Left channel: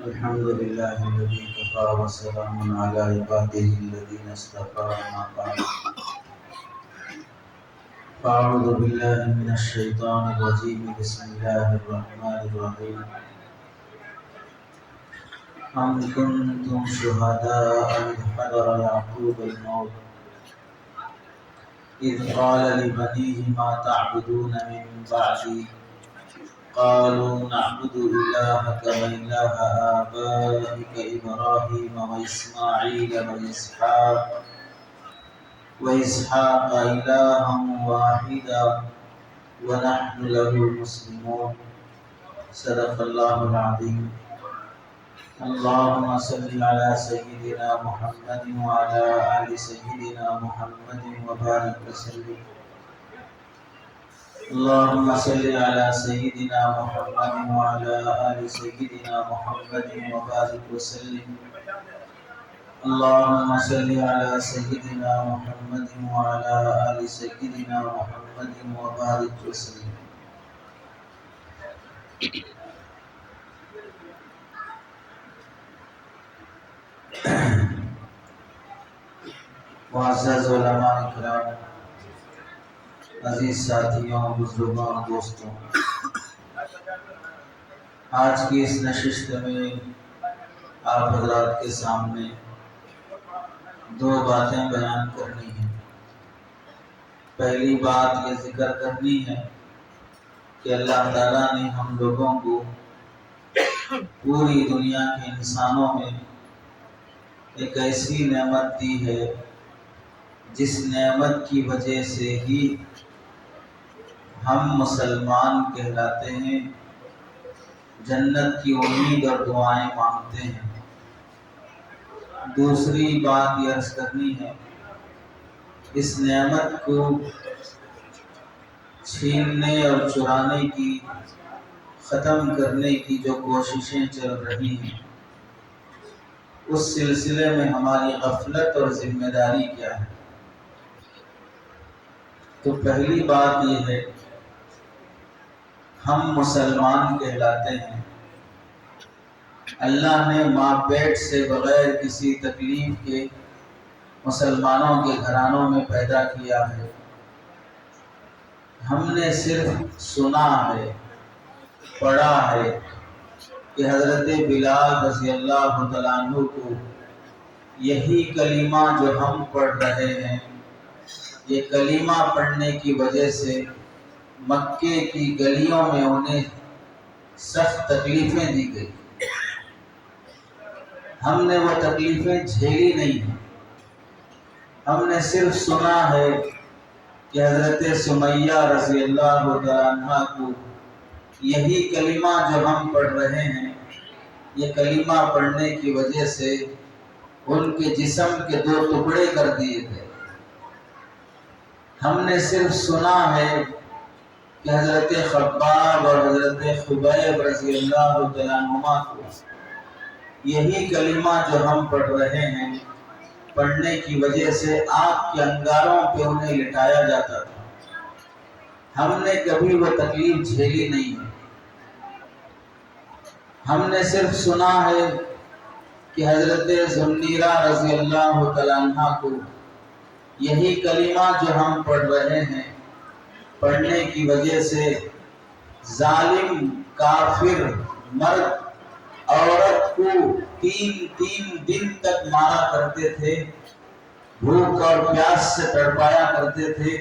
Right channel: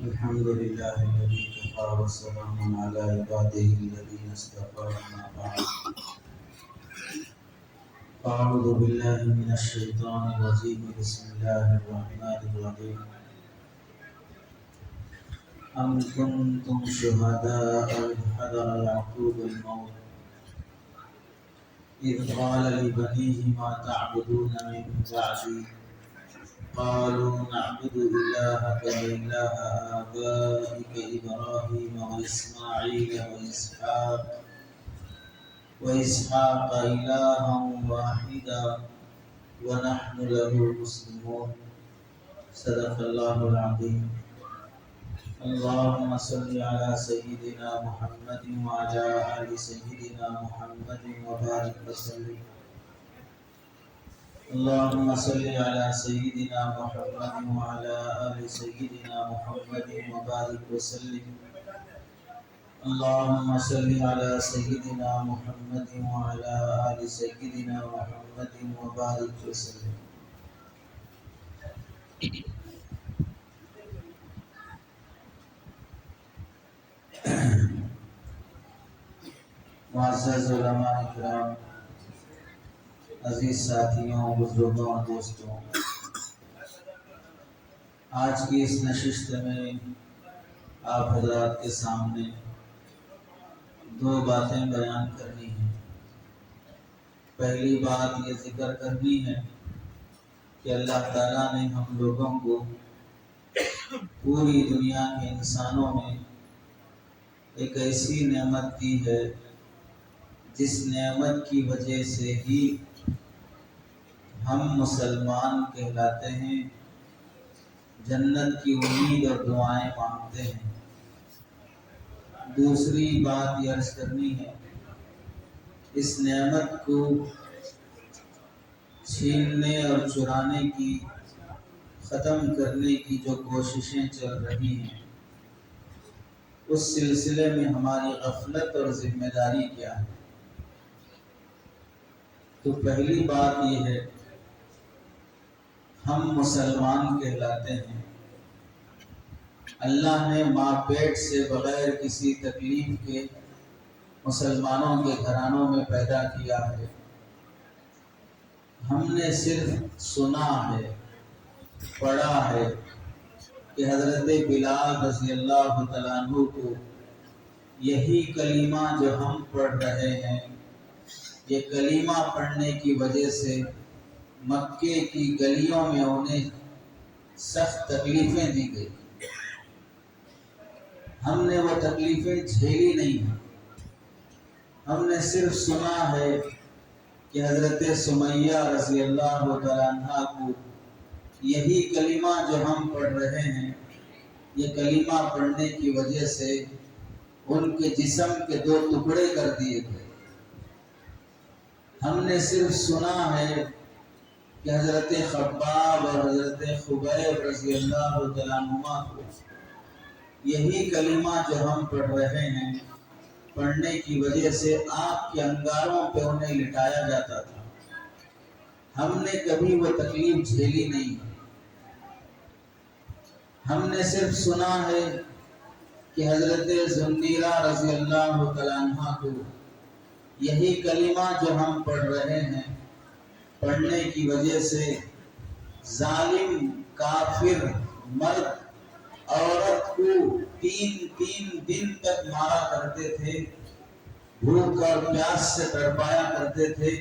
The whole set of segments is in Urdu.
الحمد لله الذي كفى وسلام على عباده الذين اصطفى أما بعد فأعوذ بالله من الشيطان الرجيم بسم الله الرحمن الرحيم أم كنتم شهداء إذ حضر يعقوب الموت إذ قال لبنيه ما تعبدون من بعدي قالوا نعبد إلهك وإله آبائك إبراهيم وإسماعيل وإسحاق إلها واحدا ونحن له مسلمون صدق الله العظيم اللهم صل على سيدنا محمد وعلى آل سيدنا محمد وبارك وسلم اللهم صل على سيدنا محمد وعلى آل سيدنا محمد وبارك وسلم اللهم صل على سيدنا محمد وعلى آل سيدنا محمد وبارك وسلم معزز علماء اکرام، عزیز ساتھیوں، بزرگوں اور دوستوں، آج کی اس نشست میں آپ حضرات کے سامنے دو باتیں بیان کرنی ہیں۔ پہلی بات یہ ذکر کرنی ہے کہ اللہ تعالیٰ نے ہم لوگوں کو پوری دنیا کے انسانوں میں ایک ایسی نعمت دی ہے جس نعمت کی وجہ سے ہی ہم مسلمان کہلاتے ہیں، جنت کی امید اور دعائیں مانگتے ہیں۔ دوسری بات یہ عرض کرنی ہے، اس نعمت کو چھیننے اور چرانے کی، ختم کرنے کی جو کوششیں چل رہی ہیں، اس سلسلے میں ہماری غفلت اور ذمہ داری کیا ہے؟ تو پہلی بات یہ ہے، ہم مسلمان کہلاتے ہیں، اللہ نے ماں پیٹ سے بغیر کسی تکلیف کے مسلمانوں کے گھرانوں میں پیدا کیا ہے۔ ہم نے صرف سنا ہے، پڑھا ہے کہ حضرت بلال رضی اللہ تعالیٰ عنہ کو یہی کلمہ جو ہم پڑھ رہے ہیں، یہ کلمہ پڑھنے کی وجہ سے مکے کی گلیوں میں انہیں سخت تکلیفیں دی گئی۔ ہم نے وہ تکلیفیں جھیلی نہیں ہیں، ہم نے صرف سنا ہے کہ حضرت سمیہ رضی اللہ تعالیٰ عنہ کو یہی کلمہ جو ہم پڑھ رہے ہیں، یہ کلمہ پڑھنے کی وجہ سے ان کے جسم کے دو ٹکڑے کر دیے گئے۔ ہم نے صرف سنا ہے کہ حضرت خباب اور حضرت خبیب رضی اللہ تعالیٰ عنہما کو یہی کلمہ جو ہم پڑھ رہے ہیں، پڑھنے کی وجہ سے آگ کے انگاروں پہ انہیں لٹایا جاتا تھا۔ ہم نے کبھی وہ تکلیف جھیلی نہیں ہے۔ ہم نے صرف سنا ہے کہ حضرت ذوالنیرہ رضی اللہ تعالیٰ عنہ کو یہی کلمہ جو ہم پڑھ رہے ہیں، پڑھنے کی وجہ سے ظالم کافر مرد عورت کو تین دن تک مارا کرتے تھے، بھوک اور پیاس سے تڑپایا کرتے تھے،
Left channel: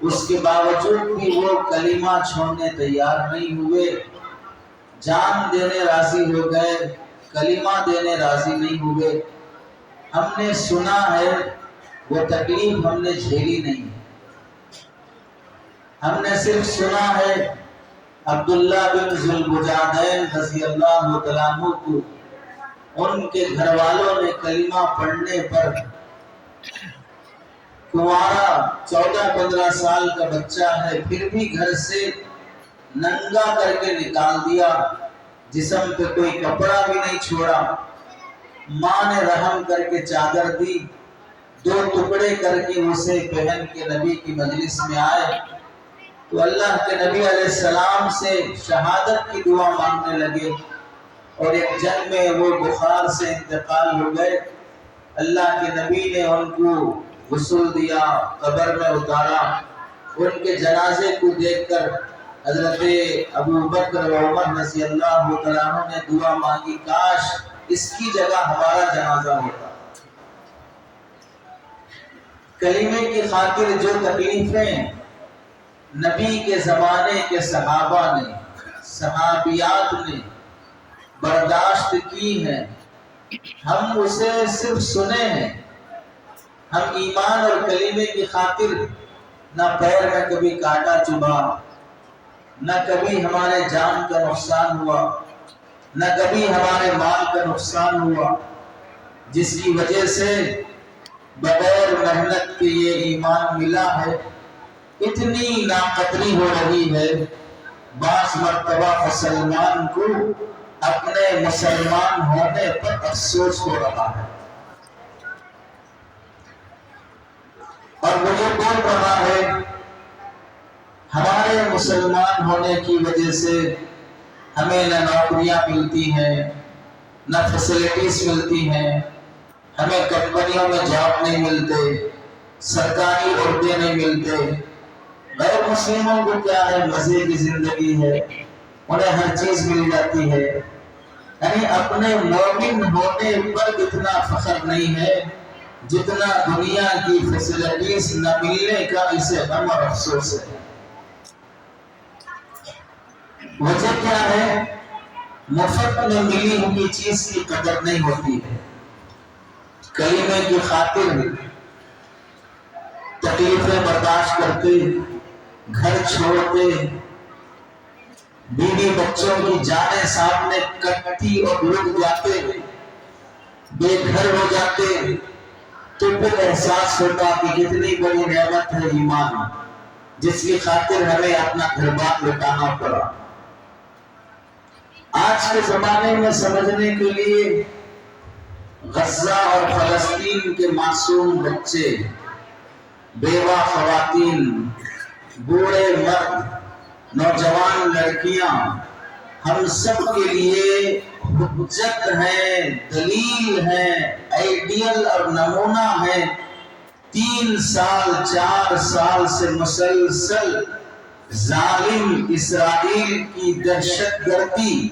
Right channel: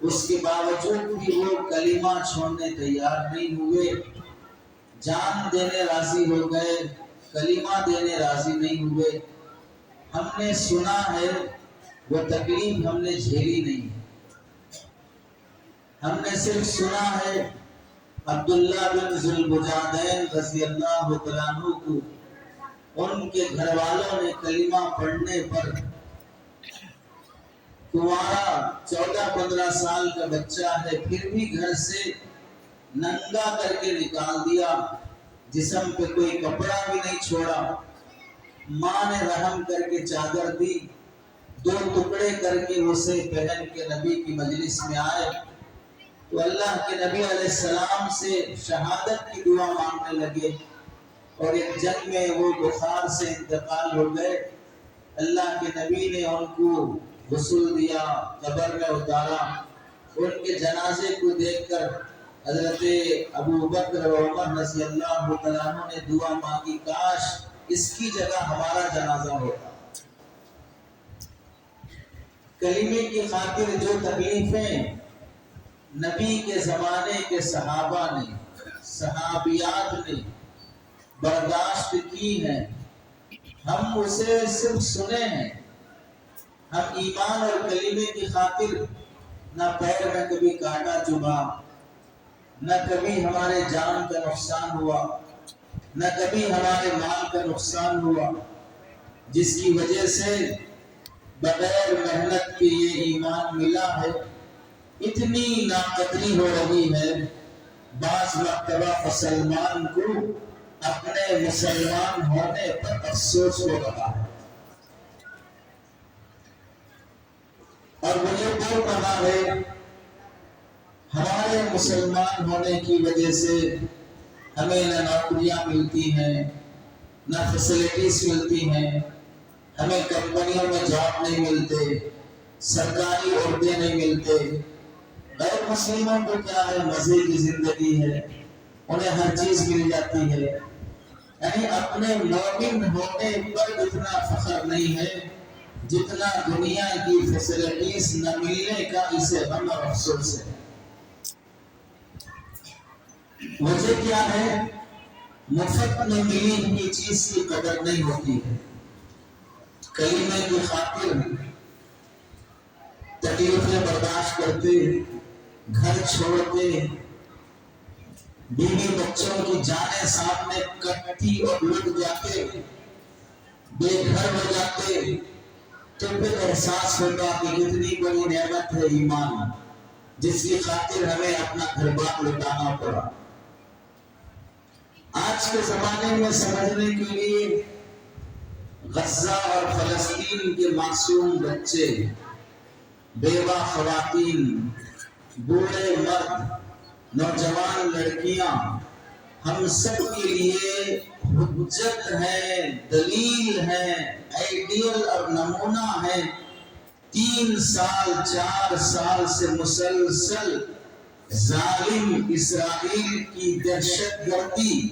اس کے باوجود بھی وہ کلمہ چھوڑنے تیار نہیں ہوئے، جان دینے راضی ہو گئے، کلمہ دینے راضی نہیں ہوئے۔ ہم نے سنا ہے، وہ تکلیف ہم نے جھیلی نہیں۔ ہم نے صرف سنا ہے عبداللہ بن ذوالبجادین رضی اللہ تعالیٰ عنہ کو ان کے گھر والوں نے کلمہ پڑھنے پر کنوارا 14-15 سال کا بچہ ہے پھر بھی گھر سے ننگا کر کے نکال دیا، جسم پہ کوئی کپڑا بھی نہیں چھوڑا۔ ماں نے رحم کر کے چادر دی، 2 ٹکڑے کر کے اسے پہن کے نبی کی مجلس میں آئے تو اللہ کے نبی علیہ السلام سے شہادت کی دعا مانگنے لگے۔ اور ایک جنگ میں وہ بخار سے انتقال ہو گئے. اللہ کے نبی نے ان کو غسل دیا، قبر میں اتارا. ان کے جنازے کو دیکھ کر حضرت ابو بکر و عمر رضی اللہ تعالیٰ عنہ نے دعا مانگی، کاش اس کی جگہ ہمارا جنازہ ہوتا. کلمے کی خاطر جو تکلیفیں نبی کے زمانے کے صحابہ نے، صحابیات نے برداشت کی ہیں، ہم اسے صرف سنے ہیں. ہم ایمان اور کلمے کی خاطر نہ پیر میں کبھی کانٹا چبھا، نہ کبھی ہمارے جان کا نقصان ہوا، نہ کبھی ہمارے مال کا نقصان ہوا، جس کی وجہ سے بغیر محنت کے یہ ایمان ملا ہے. اتنی ناقدری ہو رہی ہے، بعض مرتبہ مسلمان کو اپنے مسلمان ہونے پر افسوس ہو رہا ہے، اور وہ یہ بول رہا ہے ہمارے مسلمان ہونے کی وجہ سے ہمیں نہ نوکریاں ملتی ہیں، نہ فیسلٹیز ملتی ہیں، ہمیں کمپنیوں میں جاب نہیں ملتے، سرکاری عہدے نہیں ملتے. غیر مسلموں کو کیا ہے، مزے کی زندگی ہے، انہیں ہر چیز مل جاتی ہے. یعنی اپنے مومن ہونے پر اتنا فخر نہیں ہے جتنا دنیا کی فیسلٹیز نہ ملنے کا اسے غم اور افسوس ہے. وجہ کیا ہے؟ مفت میں ملی ہوئی چیز کی قدر نہیں ہوتی ہے. کلمے کی خاطر تکلیفیں برداشت کرتے، گھر چھوڑتے، بیوی بچوں کی جانیں سامنے کٹتی اور لٹ جاتے، بے گھر ہو جاتے، تو پھر احساس ہوتا کہ کتنی بڑی نعمت ہے ایمان، جس کی خاطر ہمیں اپنا گھر بار لٹانا پڑا. آج کے زمانے میں سمجھنے کے لیے غزہ اور فلسطین کے معصوم بچے، بیوہ خواتین، بوڑھے مرد، نوجوان لڑکیاں، ہم سب کے لیے حجت ہیں، دلیل ہیں، آئیڈیل اور نمونہ ہیں. 3 سال 4 سال سے مسلسل ظالم اسرائیل کی دہشت گردی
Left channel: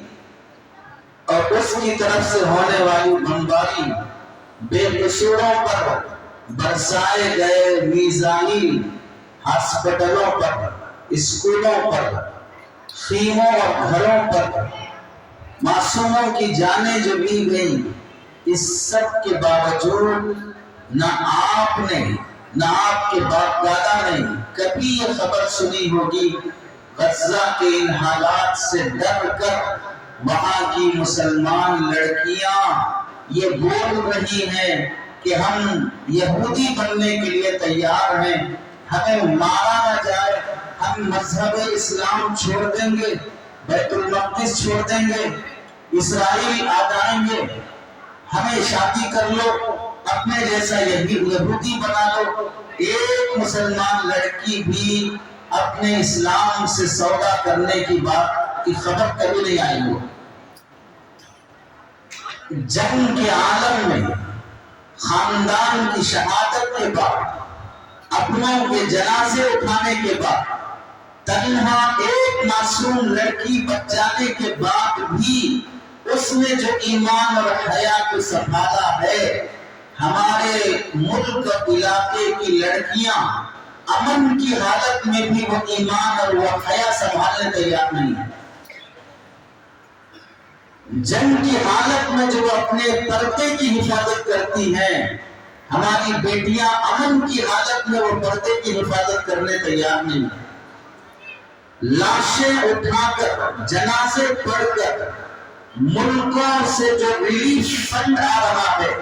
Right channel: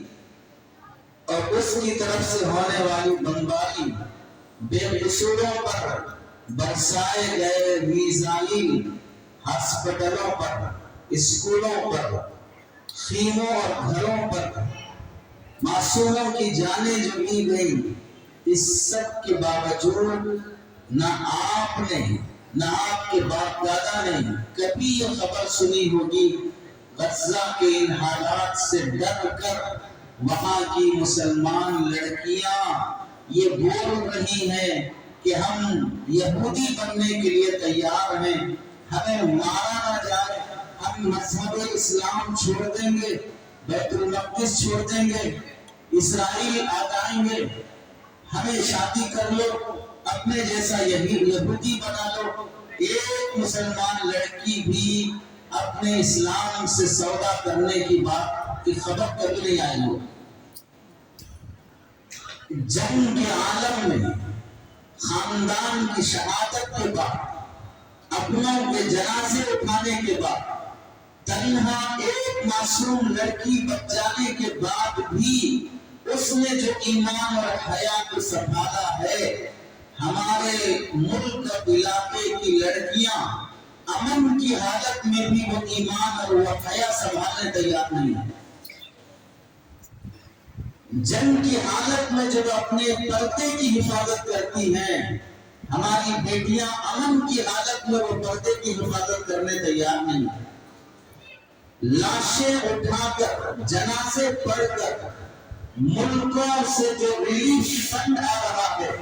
اور اس کی طرف سے ہونے والی بمباری، بے قصوروں پر برسائے گئے میزائل، ہاسپٹلوں پر، اسکولوں پر، خیموں اور گھروں پر معصوموں کی جانیں جو لی گئیں، اس سب کے باوجود نہ آپ نے، نہ آپ کے باپ دادا نے کبھی یہ خبر سنی ہوگی غزہ کے ان حالات سے ڈر کر وہاں کی مسلمان لڑکیاں یہ بول رہی ہیں کہ ہم یہودی بننے کے لیے تیار ہیں، ہمیں مارا نہ جائے، ہم مذہب اسلام چھوڑ دیں گے، بیت المقدس چھوڑ دیں گے، اسرائیل آ جائیں گے، ہمیں شادی کر لو، اپنے جیسا یہودی بنا لو. ایک مسلمان لڑکی بھی اپنے اسلام سے سودا کرنے کی بات کی خبر کبھی نہیں آئی ہو. جنگ کے عالم میں خاندان کی شہادت کے بعد، اپنوں کے جنازے اٹھانے کے بعد، تنہا ایک معصوم لڑکی بچانے کے بعد بھی اس نے جو ایمان اور حیا کو سنبھالا ہے، ہمارے ملک اور علاقے کی لڑکیاں امن کی حالت میں بھی وہ ایمان اور وہ حیا سنبھالنے تیار نہیں ہے. جنگ کی حالت میں جو اپنے پردے کی حفاظت کرتی ہیں، ہماری بیٹیاں امن کی حالت میں وہ پردے کی حفاظت کرنے تیار نہیں ہیں. لاشیں اٹھا کر، جنازے پڑھ کر، ملکوں سے جو ریلیف فنڈ آ رہا ہے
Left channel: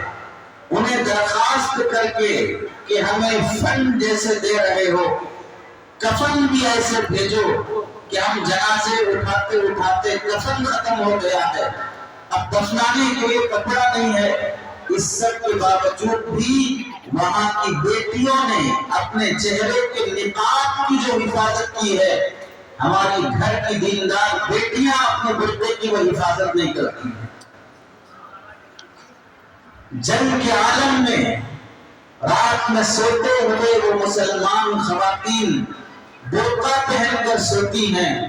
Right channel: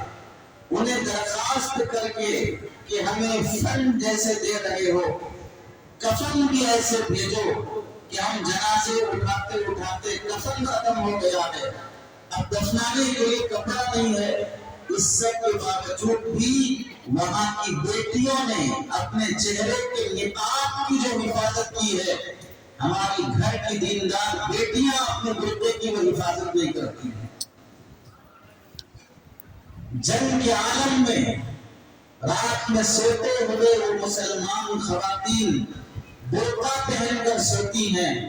انہیں درخواست کر کے کہ ہمیں فنڈ جیسے دے رہے ہو، کفن بھی ایسے بھیجو کہ ہم جنازے اٹھاتے اٹھاتے کفن ختم ہو گیا ہے، اب دفنانے کے لیے کپڑا نہیں ہے. اس سب کے باوجود بھی وہاں کی بیٹیوں نے اپنے چہرے کے نقاب کی جو حفاظت کی ہے، ہماری گھر کی دیندار بیٹیاں اپنے بیٹے کی وہ حفاظت نہیں کرتی. جنگ کے عالم میں رات میں سوتے ہوئے وہ مسلمان خواتین برقع پہن کر سوتی ہیں،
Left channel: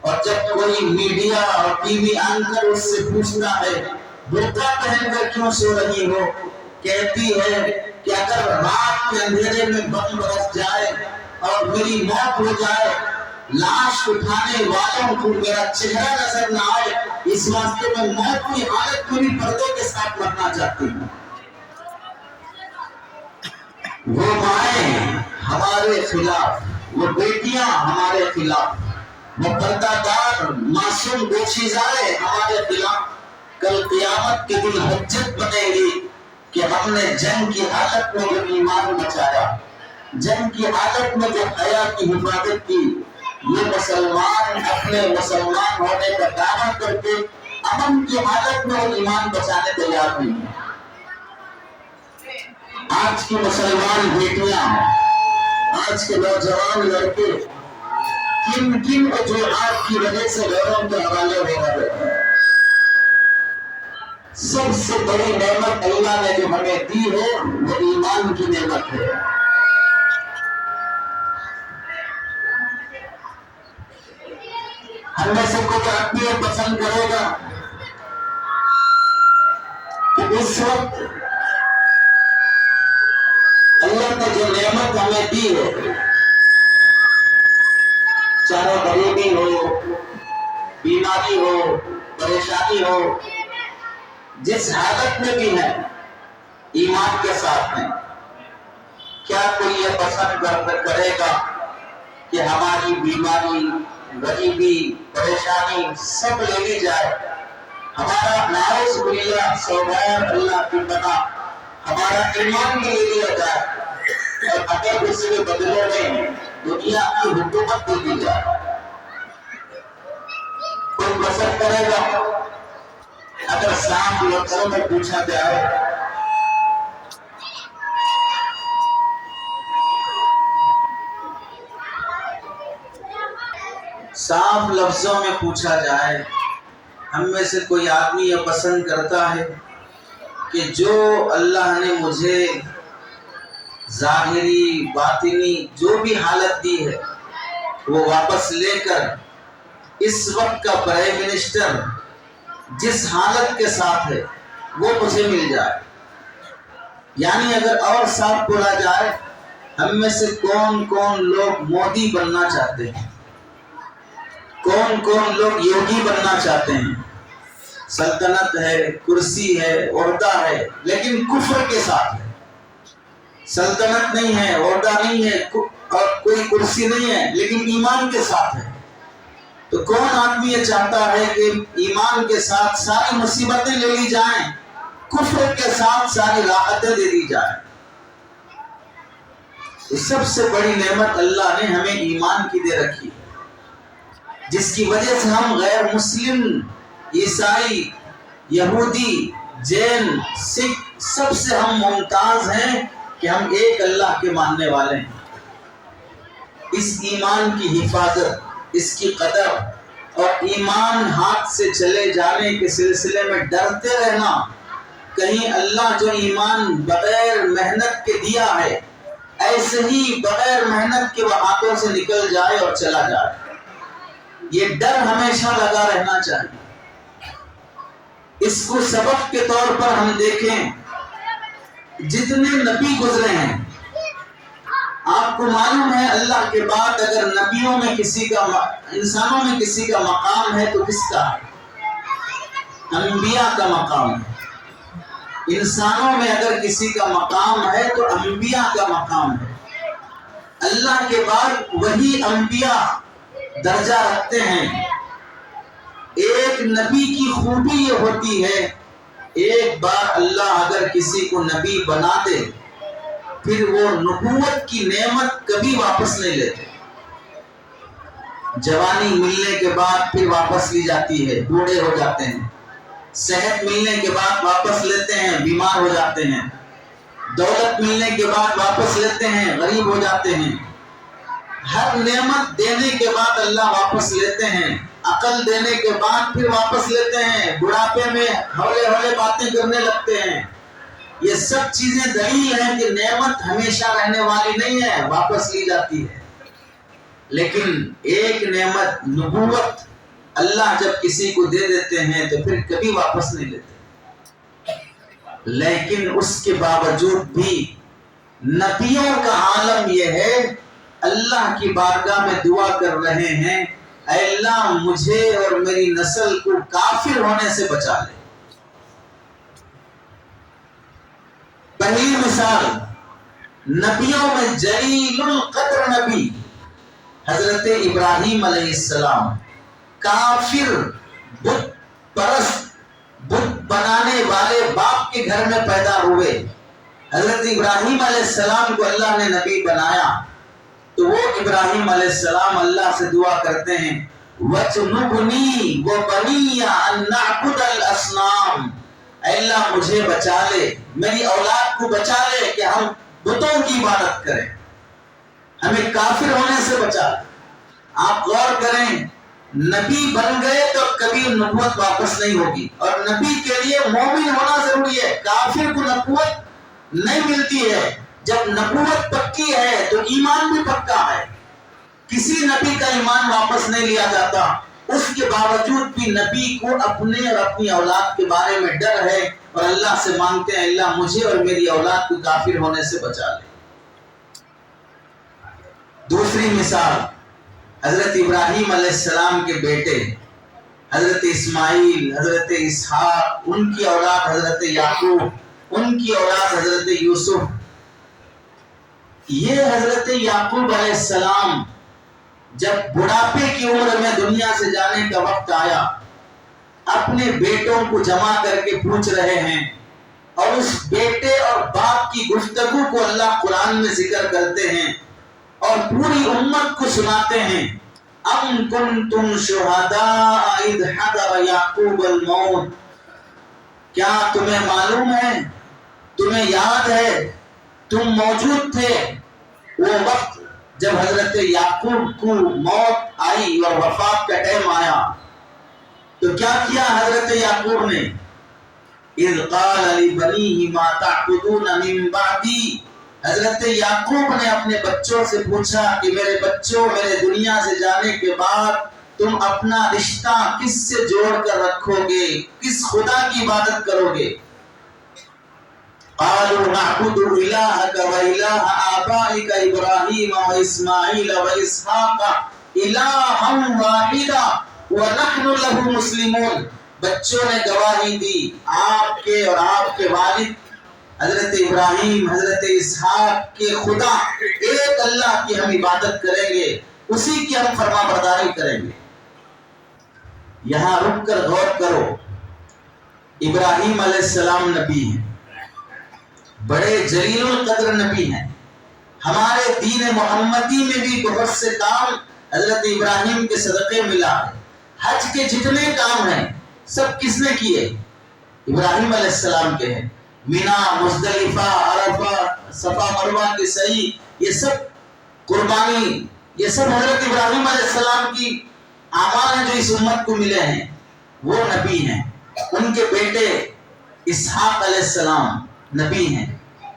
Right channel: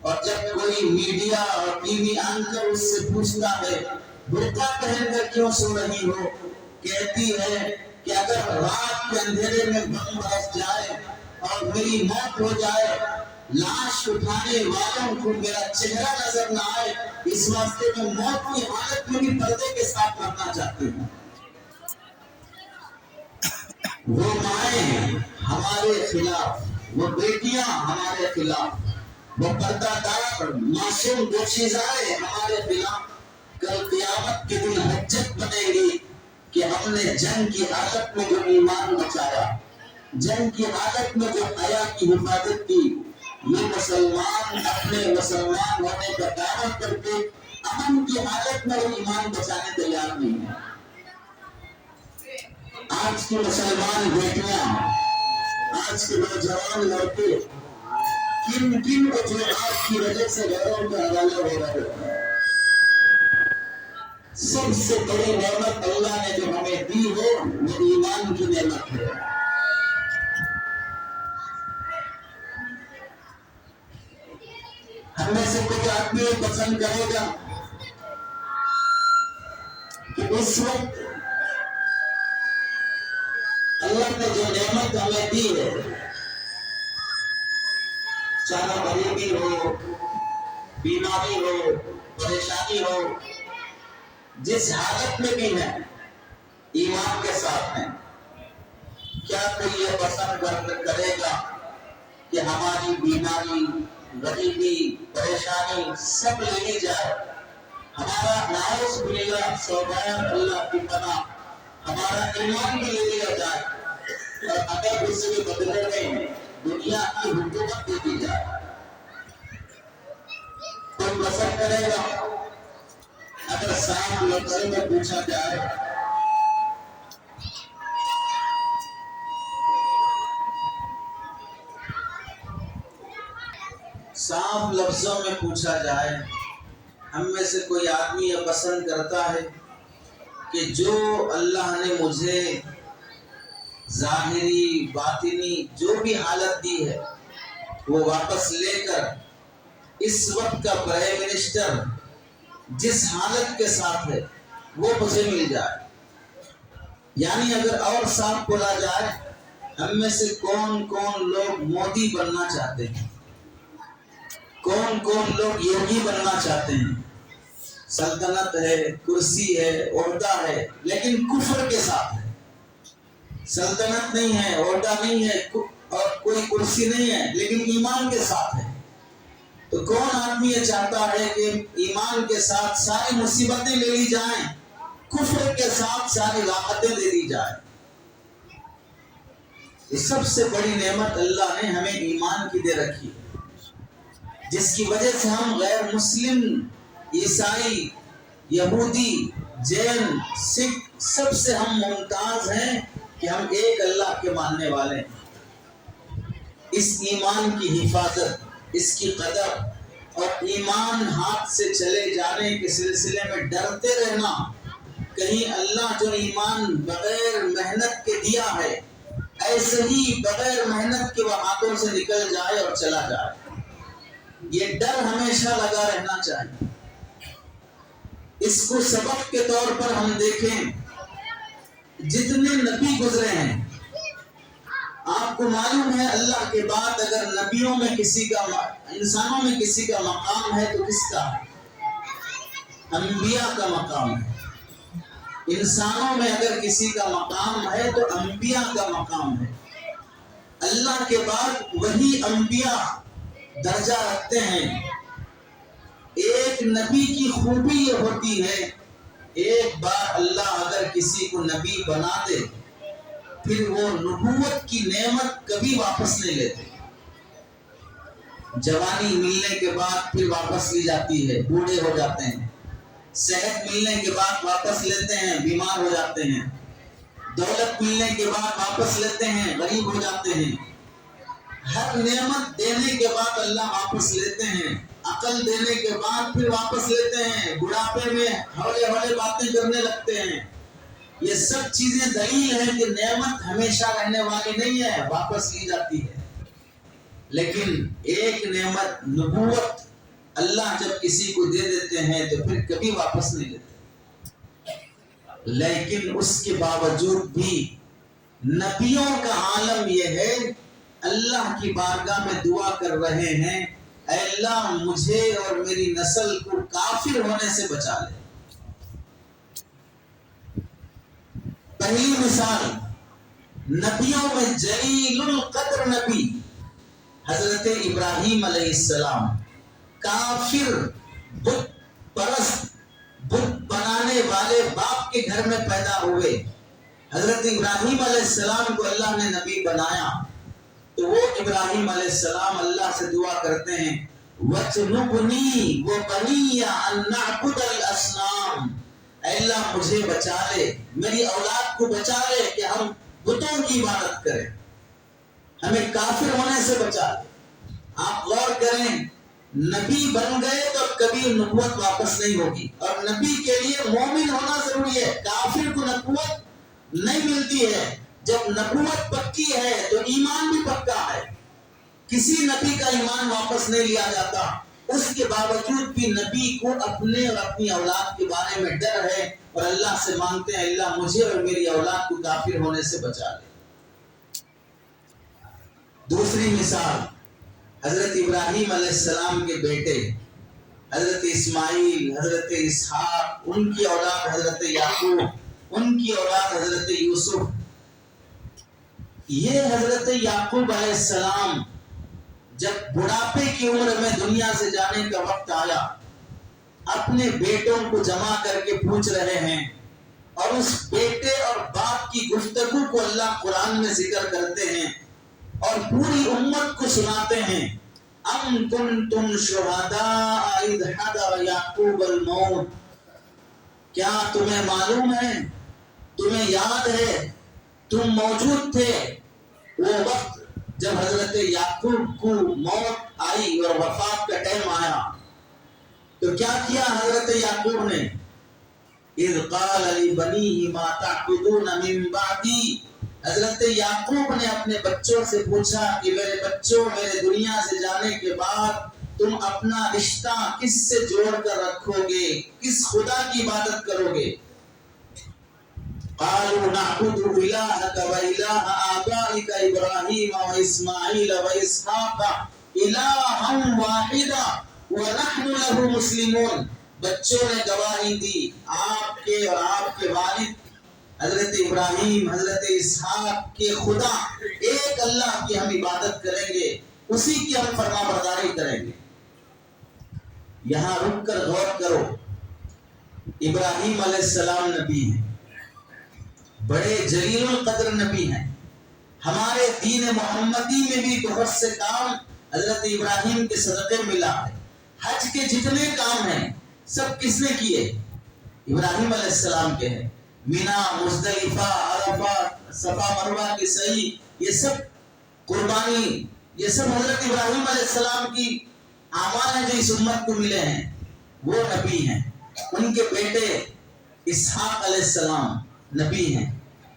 اور جب کوئی میڈیا اور ٹی وی اینکر اس سے پوچھتا ہے برقع پہن کر کیوں سو رہی ہو، کہتی ہے کہ اگر رات کے اندھیرے میں بم برس جائے اور میری موت ہو جائے، لاش اٹھانے والوں کو میرا چہرہ نظر نہ آئے، اس واسطے میں موت کی حالت میں بھی پردے کے ساتھ مرنا چاہتی ہوں۔ وہ مائیں ہمارے خلاف، وہ بیٹیاں ہمارے خلاف، وہ پردہ دار معصوم دوشیزائیں ہمارے خلاف کل قیامت کے دن حجت بنے گی کہ ہم نے جنگ کی حالت میں جو ایمان بچایا، جنگ کی حالت میں جو حیا کی حفاظت کی، یہ مسلمان اپنے مسلمان ہونے کا دعویٰ کر کے امن کی حالت میں وہ ایمان بچانے تیار نہیں ہیں۔ آج کی مسلمان بیٹیاں، آج کے نوجوان لڑکے کن کن وجوہات کی وجہ سے غیروں کے حوالے ہو رہے ہیں۔ سب سے بڑی نعمت اللہ نے جو ہمیں دی ہے وہ ایمان کی نعمت ہے۔ ہم میں سے کچھ آدمی یہ پسند کرے گا کہ اس وقت اللہ نے جو نعمت ہمیں دی ہے، چاہے غریبی ہو، بیماری ہو، پریشانی ہو، جس حالت میں بھی ہے ایمان کے ساتھ ہیں، کیا کوئی یہ پسند کرے گا کہ ہماری بیماری، غریبی، پریشانی سب لے لی جائے، ہمارا نعوذ باللہ سوغیر اللہ کی پناہ ہمارا ایمان بھی لے لیا جائے، اور اگر اس کے بدلے میں دنیا کی حکومت دے دی جائے؟ کوئی پسند کرے گا؟ اگر صاف لفظوں میں پوچھا جائے، صاف لفظوں میں پوچھا جائے، ہم میں سے کوئی آدمی یہ پسند کرتا ہے کہ جو اللہ نے مجھے ظاہری باطنی جو بھی حالت دی ہے وہ واپس لے کر اس وقت کا پرائم منسٹر جس حالت کے ساتھ ہے وہ مجھے مل جائے؟ یعنی اگر اور صاف بولا جائے، ہم میں سے کون کون لوگ مودی بننا چاہتے ہیں، کون کون لوگ یوگی بننا چاہتے ہیں؟ سلطنت ہے، کرسی ہے، عہدہ ہے، لیکن کفر کے ساتھ ہے۔ سلطنت نہیں ہے، عہدہ نہیں ہے، اور کوئی کرسی نہیں ہے، لیکن ایمان کے ساتھ ہے۔ تو کون آدمی یہ چاہتا ہے کہ ایمان کے ساتھ ساری مصیبتیں لے لی جائیں، کفر کے ساتھ ساری راحتیں دے دی جائیں؟ سب سے بڑی نعمت اللہ نے ہمیں ایمان کی دے رکھی ہے، جس کی وجہ سے ہم غیر مسلم، عیسائی، یہودی، جین، سکھ سب سے ہم ممتاز ہیں کہ ہم ایک اللہ کے ماننے والے ہیں۔ اس ایمان کی حفاظت، اس کی قدر اور ایمان ہاتھ سے چلے جانے کے سلسلے میں ڈرتے رہنا، کہیں اللہ جو ایمان بغیر محنت کے دیا ہے ایسے ہی بغیر محنت کے وہ ہاتھوں سے نکل جائے اور چلا جائے، یہ ڈر ہمیشہ لگا رہنا چاہیے۔ اس کو سبق کے طور پر ہم دیکھیں، جتنے نبی گزرے ہیں، آپ کو معلوم ہے اللہ کے بعد اگر نبیوں میں کسی کا، انسانوں میں کسی کا مقام ہے تو کس کا ہے؟ انبیاء کا مقام ہے۔ انسانوں میں اگر کسی کا مقام ہے تو انبیاء کا مقام ہے۔ اللہ کے بعد وہی انبیاء درجہ رکھتے ہیں۔ ایک نبی کی خوبی یہ ہوتی ہے، ایک بار اللہ اگر کسی کو نبی بنا دے پھر وہ نبوت کی نعمت کبھی واپس نہیں لیتے۔ جوانی ملنے کے بعد پھر واپس لی جاتی ہے، بوڑھے ہو جاتے ہیں۔ صحت ملنے کے بعد واپس لیتے ہیں، بیمار ہو جاتے ہیں۔ دولت ملنے کے بعد واپس لیتے ہیں، غریب ہو جاتے ہیں۔ ہر نعمت دینے کے بعد اللہ واپس لیتے ہیں، عقل دینے کے بعد پھر واپس لیتے ہیں، بڑھاپے میں ہولے ہولے باتیں کرنے لگتے ہیں۔ یہ سب چیزیں دلیل ہیں کہ نعمت ہمیشہ رہنے والی نہیں ہے، واپس لی جاتی ہے۔ لیکن ایک نعمت نبوت اللہ جب کسی کو دے دیتے ہیں تو پھر کبھی واپس نہیں لیتے۔ لیکن اس کے باوجود بھی نبیوں کا عالم یہ ہے، اللہ کی بارگاہ میں دعا کر رہے ہیں، اے اللہ مجھے اور میری نسل کو کافر ہونے سے بچا لے۔ پہلی مثال نبیوں میں جلیل القدر نبی حضرت ابراہیم علیہ السلام، کافر بت پرست بت بنانے والے باپ کے گھر میں پیدا ہوئے۔ حضرت ابراہیم علیہ السلام کو اللہ نے نبی بنایا تو وہ ابراہیم علیہ السلام اللہ سے دعا کرتے ہیں، وَجْنُبْنِي وَبَنِيَّ أَن نَعْبُدَ الْأَصْنَامَ، اے اللہ مجھے بچا لے، میری اولاد کو بچا لے کہ ہم بتوں کی عبادت کریں، ہمیں کافر ہونے سے بچا لے۔ آپ غور کریں، نبی بن گئے تو کبھی نبوت واپس نہیں ہوگی، اور نبی کے لیے مومن ہونا ضروری ہے، کافر کو نبوت نہیں ملتی ہے۔ جب نبوت پکی ہے تو ایمان بھی پکا ہے، کسی نبی کا ایمان واپس نہیں لیا جاتا۔ اس کے باوجود بھی نبی کو اپنے اور اپنی اولاد کے بارے میں ڈر ہے، اور اللہ سے مانگتے ہیں اللہ مجھے اور میری اولاد کو کافر ہونے سے بچا لے۔ دوسری مثال حضرت ابراہیم علیہ السلام کے بیٹے حضرت اسماعیل، حضرت اسحاق، ان کی اولاد حضرت یعقوب، ان کی اولاد حضرت یوسف۔ یہ حضرت یعقوب علیہ السلام جب بڑھاپے کی عمر میں دنیا سے جانے کا وقت آیا، اپنے بیٹوں کو جمع کر کے پوچھ رہے ہیں، اور اس بیٹے اور باپ کی گفتگو کو اللہ قرآن میں ذکر کرتے ہیں اور پوری امت کو سناتے ہیں۔ ام کنتم شہداء اذ حضر یعقوب الموت، کیا تمہیں معلوم ہے، تمہیں یاد ہے، تم موجود تھے وہ وقت جب حضرت یعقوب کو موت آئی اور وفات کا ٹائم آیا، تو کیا کیا حضرت یعقوب نے؟ اذ قال لبنیہ ما تعبدون من بعدی، حضرت یعقوب نے اپنے بچوں سے پوچھا کہ میرے بچوں، میرے دنیا سے جانے کے بعد تم اپنا رشتہ کس سے جوڑ کر رکھو گے، کس خدا کی عبادت کرو گے؟ قالوا نعبد الہک و الہ آبائک ابراہیم و اسماعیل و اسحاق الہا واحدا ونحن له مسلمون۔ بچوں نے گواہی دی، آپ کے اور آپ کے والد حضرت ابراہیم، حضرت اسحاق کے خدا ایک اللہ کی ہم عبادت کریں گے، اسی کی ہم فرما برداری کریں گے۔ یہاں رک کر غور کرو، ابراہیم علیہ السلام نبی ہیں، بڑے جلیل القدر نبی ہیں۔ ہمارے دین محمدی میں بھی بہت سے کام حضرت ابراہیم کے صدقے ملا ہے۔ حج کے جتنے کام ہیں سب کس نے کیے؟ ابراہیم علیہ السلام کے ہیں۔ مینا، مزدلفہ، عرفہ، صفا مروہ کے سعی، یہ سب قربانی، یہ سب حضرت ابراہیم علیہ السلام کی اعمال ہیں جو اس امت کو ملے ہیں۔ وہ نبی ہیں، ان کے بیٹے اسحاق علیہ السلام نبی ہیں،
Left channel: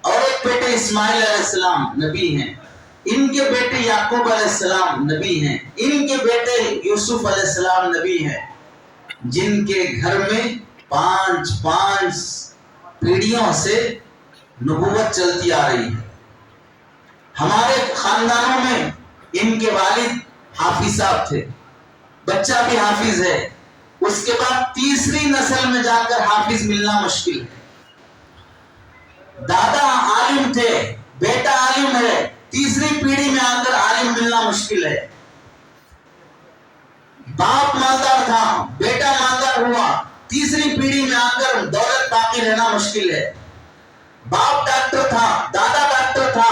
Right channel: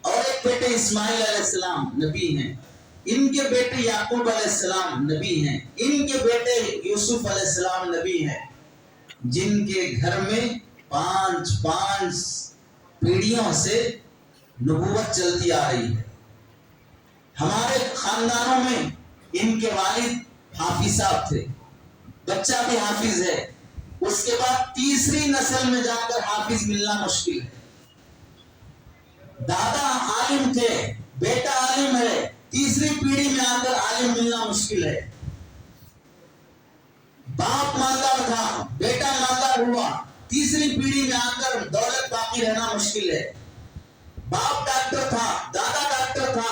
اور ایک بیٹے اسماعیل علیہ السلام نبی ہیں، ان کے بیٹے یعقوب علیہ السلام نبی ہیں، ان کے بیٹے یوسف علیہ السلام نبی ہیں، جن کے گھر میں 5 پیڑھیوں سے نبوت چلتی آ رہی ہے۔ ہمارے خاندانوں میں ان کے والد حافظ صاحب تھے، بچہ بھی حافظ ہے، اس کے بعد تیسری نسل میں جا کر حافظ ملنا مشکل ہے۔ دادا عالم تھے، بیٹا عالم ہے، تیسری پیڑھی میں آ کر عالم ملنا مشکل ہے۔ باپ مالدار تھا، بیٹا مالدار ہوا، تیسری پیڑھی میں آ کر دولت باقی رہنا مشکل ہے۔ باپ ڈاکٹر تھا، دادا ڈاکٹر تھا،